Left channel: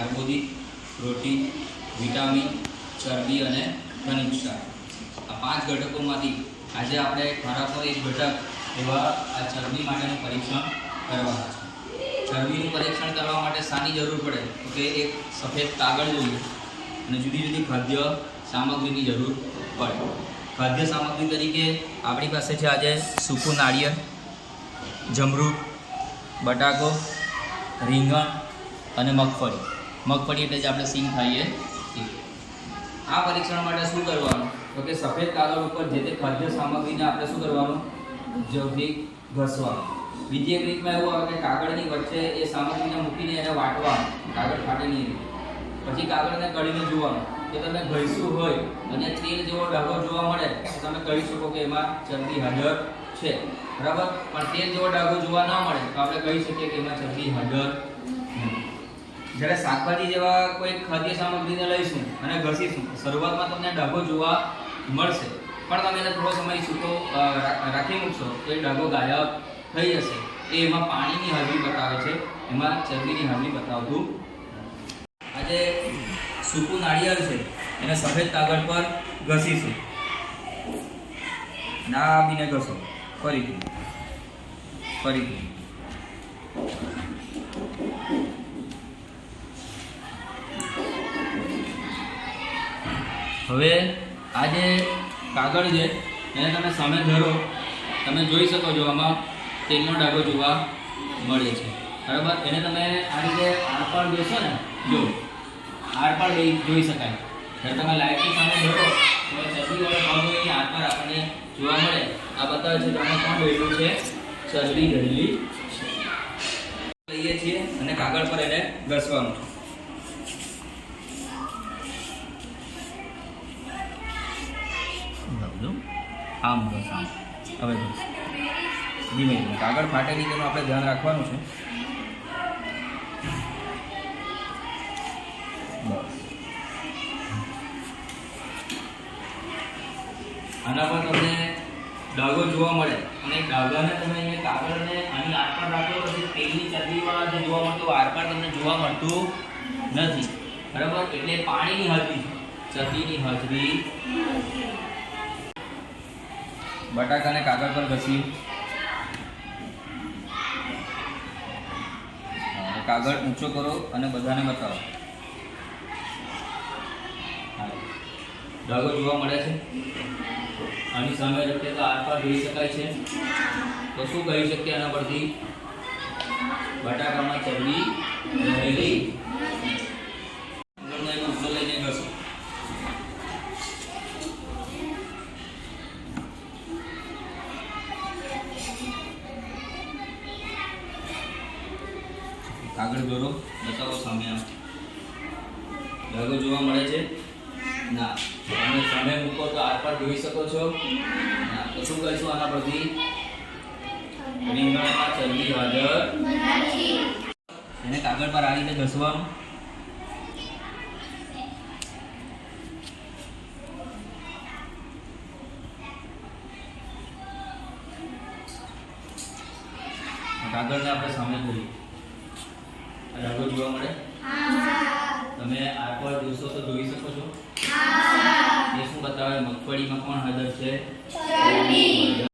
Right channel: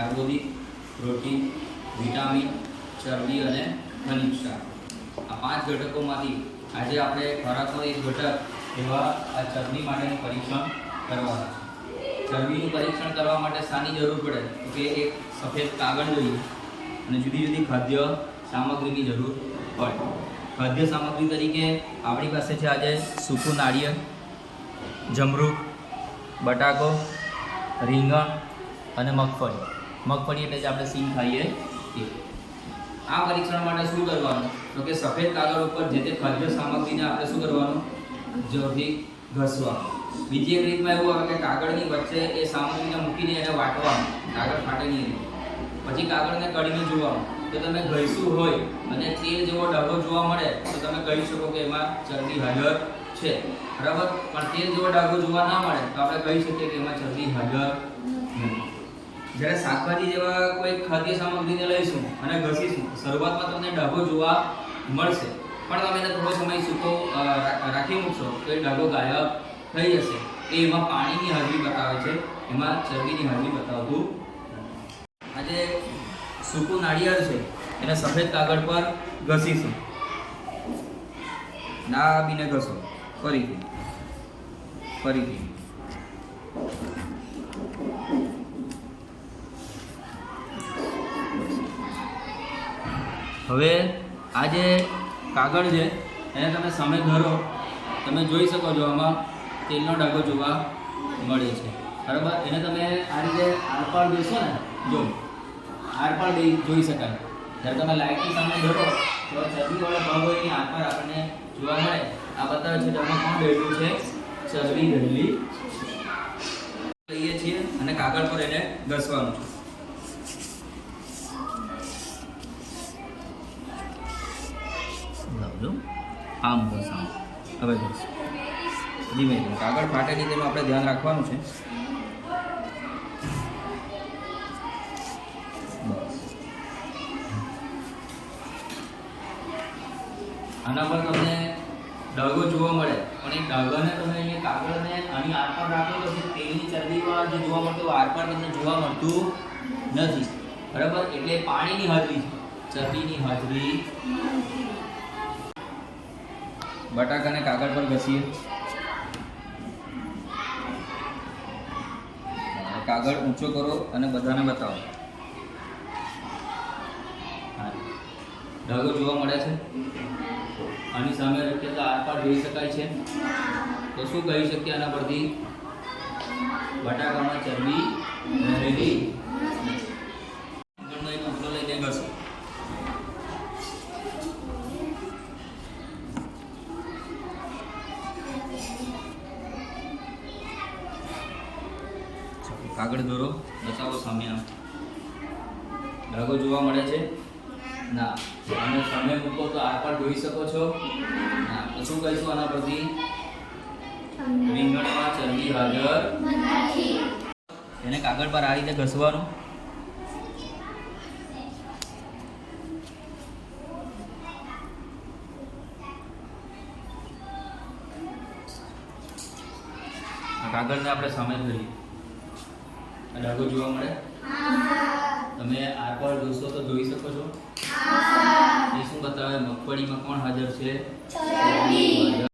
કાર્બોદિત, protein, vitamin, ચરબી અને ખનિજ ક્ષાર. આ 5 ઘટકોમાંથી આજે આપણે ખોરાકનો એક ઘટક એવા આ ચરબી માટેનું પરીક્ષણ કરવાના છે. ચરબીનું પરીક્ષણ કરવા માટે શાની જરૂર પડે તો કે એક સફેદ કાગળ જોઈએ અને જુદી જુદી ખાદ્ય સામગ્રીની જરૂર પડે. ખાદ્ય સામગ્રી તરીકે આપણી પાસે છે આજે સૂકું નાળિયેર, જમરૂખ, બટાકો, રીંગણ અને મગફળી. મગફળી એટલે જ આપણે સિંગ ખાઈએ તે. આ પરીક્ષણ માટે શું કરવાનું તો કે સફેદ કાગળ ઉપર જે તે ખાદ્ય સામગ્રીને આપણે શું કરવાનું, જોરથી ઘસવાનું. બીજી એક રીતમાં એવું આવે કે કાગળની વચ્ચે એ સામગ્રીને મૂકીને એને વાટવાનું, કાગળ ફાટે નહીં. પછી કાગળને કાઢીને જોવાનું. જો તમે ઘસ્યું હોય અને તેલ જેવો ડાઘો જોવા મળે તો તમે કહી શકો કે એમાં ચરબી હાજર છે, બરાબર. પણ તેલ જેવો ડાઘો જોવા ન મળે તો આપણે કહી શકીએ કે એમાં ચરબી હાજર નથી. જ્યારે શાકભાજી જેવા કોઈ ખાદ્ય સામગ્રીને લઈશું અને ઘસીશું, શરૂઆતમાં તમને ડાઘો જોવા મળશે, પણ તમે એને થોડો સમય સૂકો રાખી મૂકશો તો એ ડાઘો ગાયબ થઈ જશે. એ એમાં પાણીની હાજરી બતાવે છે, એમાં ચરબીની હાજરી બતાવતું નથી. આજે સૂકું નાળિયેર છે એને સફેદ કાગળ પર ઘસીશું. દાબીને ઘસો, ફરીથી ફરીથી. હવે આ જે કાગળ છે એને તમે સામે ધરો, તમે જોઈ શકો છો આમાં તેલનો ડાઘો જોવા મળે છે, બરાબર. એને તમે આ રીતે આરપાર જોશો ને, જો આરપાર જોઈ શકાય. જ્યારે તમે લાઇટની સામે ધરો તો ચરબીવાળો ભાગો એની આરપાર આપણને જોવા મળે. આ બતાવે છે કે આમાં કોણ રહેલું છે, ચરબી રહેલી લઈએ છીએ અને કાગળ પર એને ઘસવાનું છે. આમ બસ આમ. હવે બસ ધીમે ધીમે કાગળ ફાટે નહીં તેનું આપણે ધ્યાન રાખવાનું છે. બસ આના પર તમને ડાઘો જોવા મળે, પણ એ ડાઘાને તમે અહીંયા કાગળને આની આરપાર રાખો તો તેલની ચરબીવાળા જે જોવા મળતું આરપાર તમને જોવા મળતું નથી, બરાબર. એટલે પાણીની હાજરી છે, ચરબીની હાજરી. બટાકાને કાગળ પર ઘસીએ. કાગળ ઊંચો કરો અને બધાને બતાવો. ડાઘો જોવા મળે છે. આની સામે રખીએ તો આરપાર જોઈ શકાય છે. તો શું કહી શકીએ આના પરથી, બટાકામાં ચરબી રહેલી. રીંગણનો એક ટુકડો લઈને ઘસો. કાગળ દોરો, બતાવો સામે. આમ ડાઘો જોવા મળે છે ના? તમે સામે મૂકો તો આરપાર જોઈ શકો છો ના? તો શું કહીશું આના પરથી, રીંગણમાં ચરબી હાજર નથી. એને કાગળ પર આ રીતે ઘસવાનું. આ કાગળને આપણે સામે ધરીએ. આ ડાઘો જોવા મળે? તમે આરપાર જોશો તો જોઈ શકો છો. એ શું બતાવે, મગફળીમાં કોણ હાજર છે, ચરબી.